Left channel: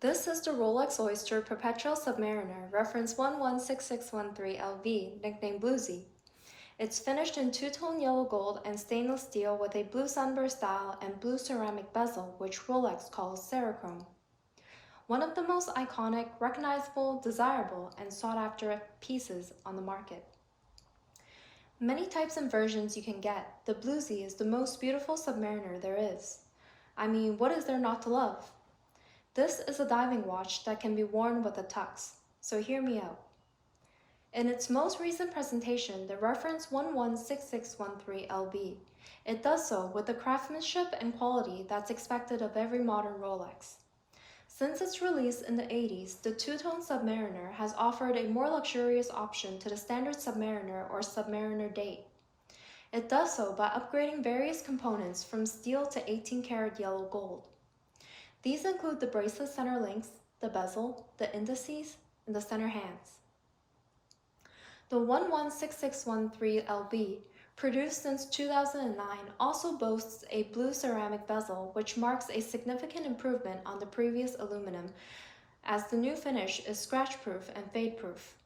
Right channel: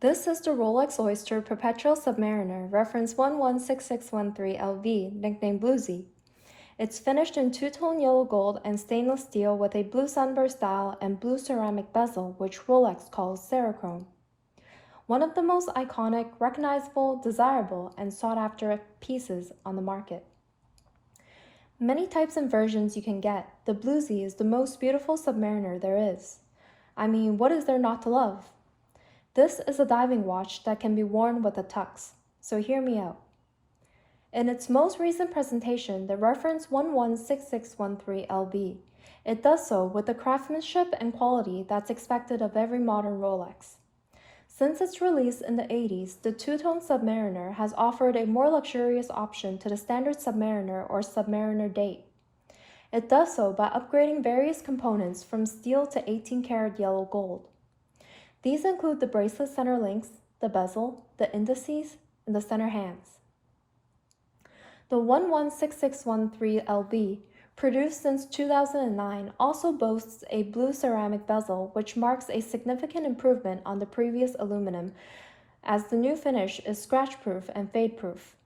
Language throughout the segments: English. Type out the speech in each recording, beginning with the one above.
This is the Rolex Oyster Perpetual Submariner, reference 116613LV, nicknamed Bluesy. It's finished in two-tone yellow gold and stainless steel with a blue sunburst dial and blue ceramic bezel, which Rolex calls Cerachrome. One of the most iconic, recognizable, desirable, and sought-after pieces on the market. Many types and versions you can get, the Bluesy is the most beautiful submariner there is. I mean, what is there not to love? This is a diving watch that can be worn with a tux, so hear me out. In its most recent presentation, the reference 116613LB, it does so with the craftsmanship and quality that's expected of every modern Rolex. Since its release in the 80s, the two-tone Submariner has offered a more luxurious option to the standard Submariner or Submariner date. It does so by upgrading various components from steel to 18-karat yellow gold. These include the bracelet center links, the bezel, the indices, and the center hands. The 116613LB, produced since 2009, also boasts a blue ceramic bezel, which marks a significant improvement on the previous aluminum, as the new finish is scratch-proof and fade-proof,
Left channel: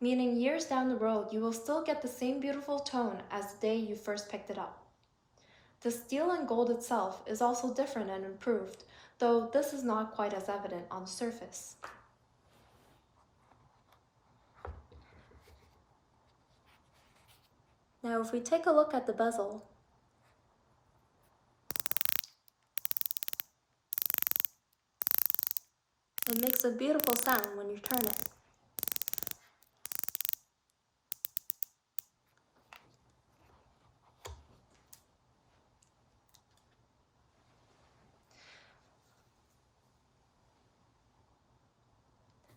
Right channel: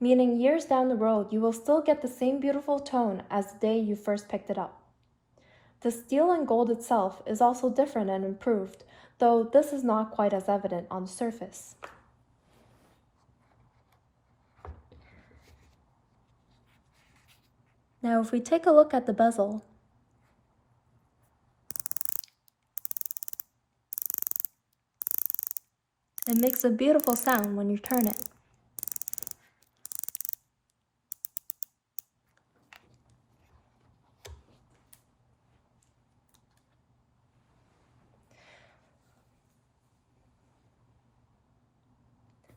meaning years down the road you will still get the same beautiful tone as the day you first picked it up. The steel and gold itself is also different and improved, though this is not quite as evident on the surface. Now if we take a look at the bezel, it makes a beautiful sound when you turn it.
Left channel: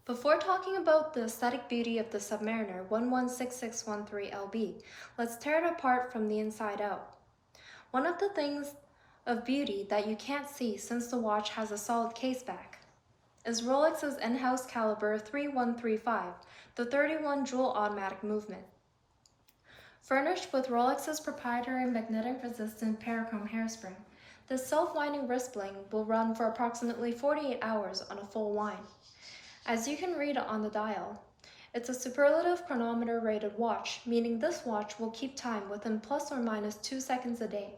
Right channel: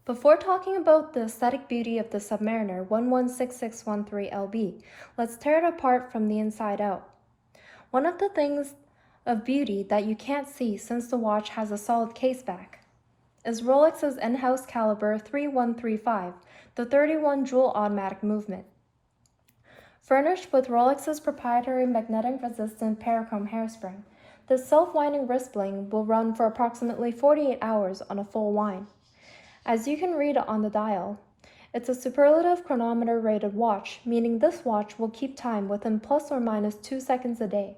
Before talking about the aesthetic beauty of the Submariner 116613LB, let's tear it apart from the inside out. One of the things of beauty that you can't see since the watch has a solid case back is Rolex's in-house caliber 3135, the 31 jewel automatic movement. Furnished with Rolex's proprietary magnetic-resistant parachrome hairspring, this self-winding wrist bling will run for approximately 48 hours on a full wind. As you can read on the dial, it's a superlative chronometer rated watch, meaning this watch will keep time within plus or minus 2 seconds a day.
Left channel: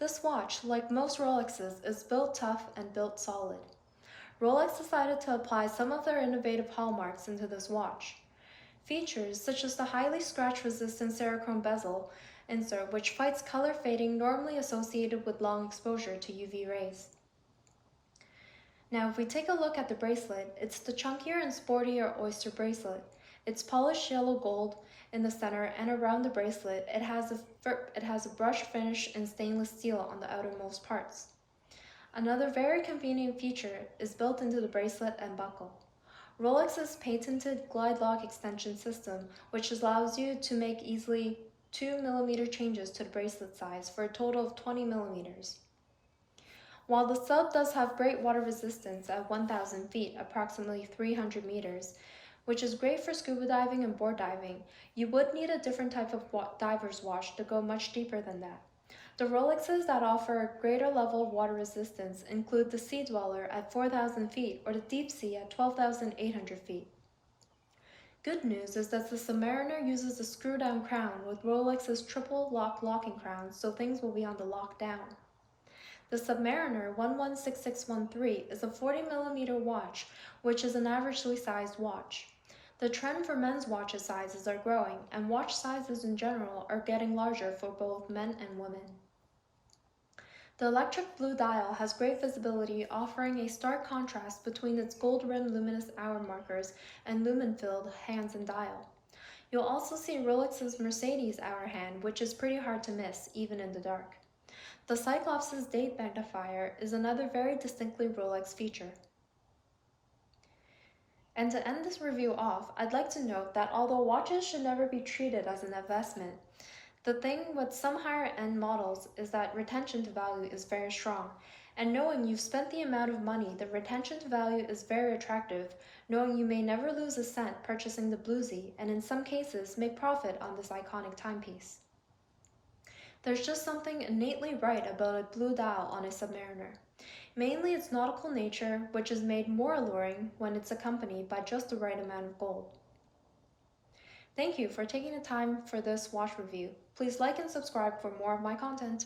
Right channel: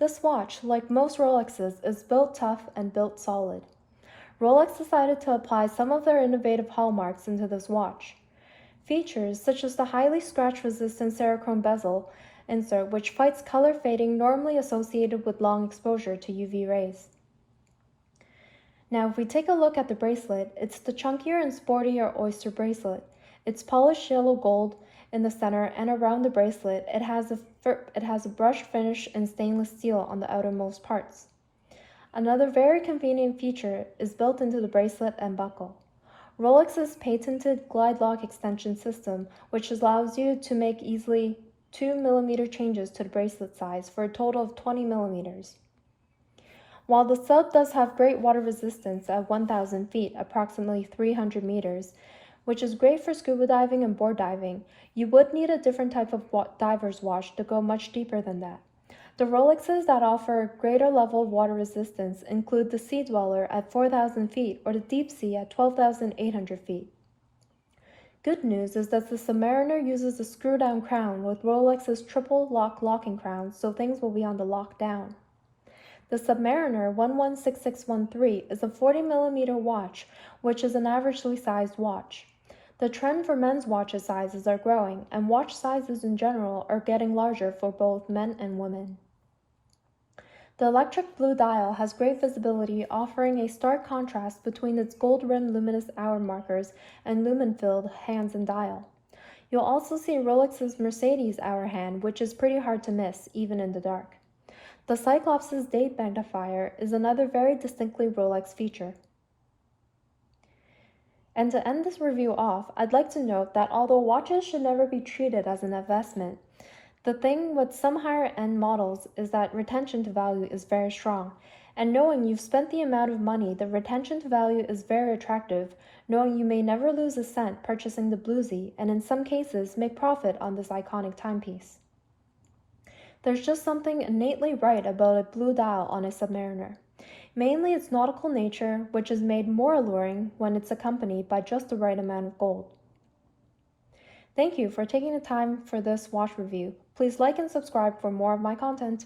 This watch, like most Rolexes, is built tough and built solid. Rolex decided to apply some of their innovative hallmarks into this watch. Features such as the highly scratch-resistant Cerachrome bezel insert, which fights color fading normally associated with long exposure to UV rays. Now if we take a look at the bracelet, it's the chunkier and sportier Oyster bracelet. It's polished yellow gold in the center, and around the bracelet it has a brushed finish in stainless steel on the outermost parts. Another very convenient feature is built into the bracelet and buckle. Rolex's patented glide lock extension system, which allows you to make easily 2mm changes to the bracelet size for a total of 20mm. While the sub does have great water resistance at 1,000 feet, approximately 300 meters, which is great for scuba diving and board diving, you would need a different type of diver's watch to go much deeper than that. The Rolexes that offer a greater level of water resistance include the Sea Dweller at 4,000 feet or the Deep Sea at 12,800 feet. Good news is that the Submariner uses a screw-down crown with Rolex's triple lock locking crown, so things will be on the lockdown. The Submariner 116613 is a 40mm watch, which is an averagely sized watch. The trend for men's watch sizes are growing, and watch sizes in general are getting larger for both men and women. The electric blue dial has great visibility, offering a stark contrast between its gold-rimmed luminous hour markers and lumen-filled hands and dial. You'll also see Rolex's Mercedes hour hand, which is pretty hard to miss, even in the dark. The Cyclops' date magnifier is another very distinctly Rolex feature. And to end this review off, I'd like to note that although watches should never be treated as an investment, the thing with some higher-end models is that retention to value is very strong, and knowing you've spent the amount of money, the retention to value is very attractive, knowing you may never lose a cent purchasing the Bluesy, and in some cases make profit on this iconic timepiece. There's just something innately right about a blue dial on a Submariner. Mainly its nautical nature, which is made more alluring when it's accompanied by just the right amount of gold. Thank you for taking the time for this watch review. Please like and subscribe for more of my content.